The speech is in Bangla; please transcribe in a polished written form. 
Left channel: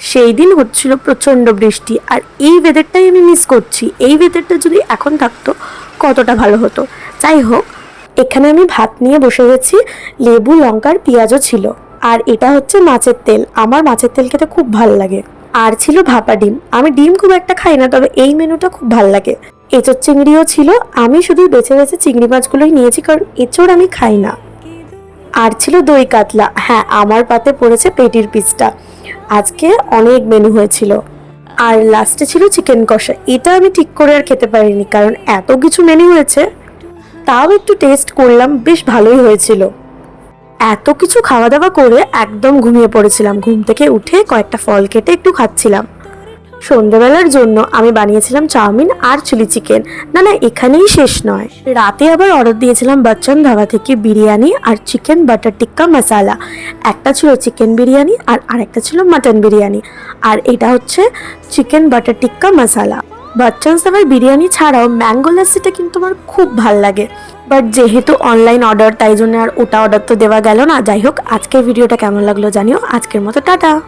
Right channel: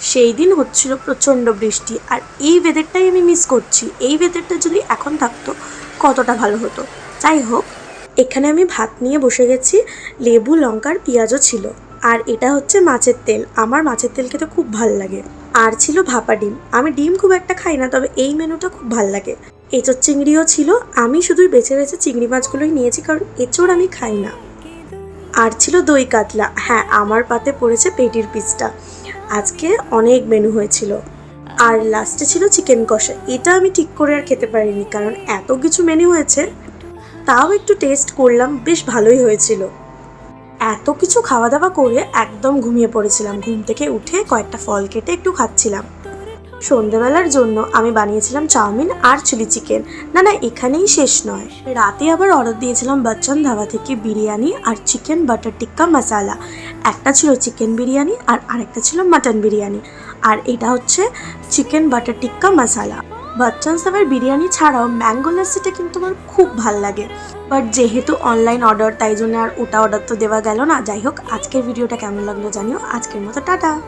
সেই দিন হচ্ছিল প্রচণ্ড বৃষ্টি, আর এই ওয়েদারটাই আমি মিস করছি। এই ওয়েদারটা যদি এখন থাকতো কতটা ভালো হতো। যাই হোক, এখানে আমি ভাত নিয়ে বসে গেছি, লেবু লঙ্কার পেঁয়াজও ছিল, আর এটা হচ্ছে মাছের তেল। আমার মাছের তেল খেতে খুব ভালো লাগে। আর ছিল ভাপা ডিম। আমি ডিম খুব একটা খাই না, তবে এই মেনুটা খুব ভালো লাগে। এঁচোড় চিংড়িও ছিল। আমি শুধু বেছে বেছে চিংড়ি মাছগুলোই নিয়েছি, কারণ এঁচোড় আমি খাই না। আর ছিল দই কাতলা। হ্যাঁ, আমার পাতে পড়েছে পেটির পিসটা। আজকে অনেক মেনু হয়েছিল। আর লাস্টে ছিল চিকেন কষা। এটা আমি ঠিক করে আর খেতে পারিনি, কারণ এত কিছু মেনু হয়েছে। তাও একটু টেস্ট করলাম, বেশ ভালোই হয়েছিল। এত কিছু খাওয়া দাওয়া করে একদম ঘুমিয়ে পড়েছিলাম। ঘুম থেকে উঠে কয়েকটা ফল কেটে একটু খাচ্ছিলাম। সন্ধ্যাবেলার জন্য আমি বানিয়েছিলাম চাউমিন আর চিলি চিকেন। না না, এখানেই শেষ নয়। রাতে আবার অর্ডার দিয়েছিলাম বচ্চন ধাবা থেকে বিরিয়ানি আর চিকেন বাটার টিক্কা মশালা। একটা ছিল চিকেন বিরিয়ানি আর আরেকটা ছিল মাটন বিরিয়ানি। আর এটা হচ্ছে চিকেন বাটার টিক্কা মশালা। বচ্চন ধাবার বিরিয়ানি ছাড়াও ম্যাঙ্গো লাসিটা কিন্তু আমার খুব ভাল লাগে। বাট যেহেতু অনলাইন অর্ডার, তাই জন্য আর ওটা অর্ডার তো দেওয়া গেল না। যাই হোক, আজকের ভিডিওটা কেমন লাগলো জানিও। আজকের মতো টাটা।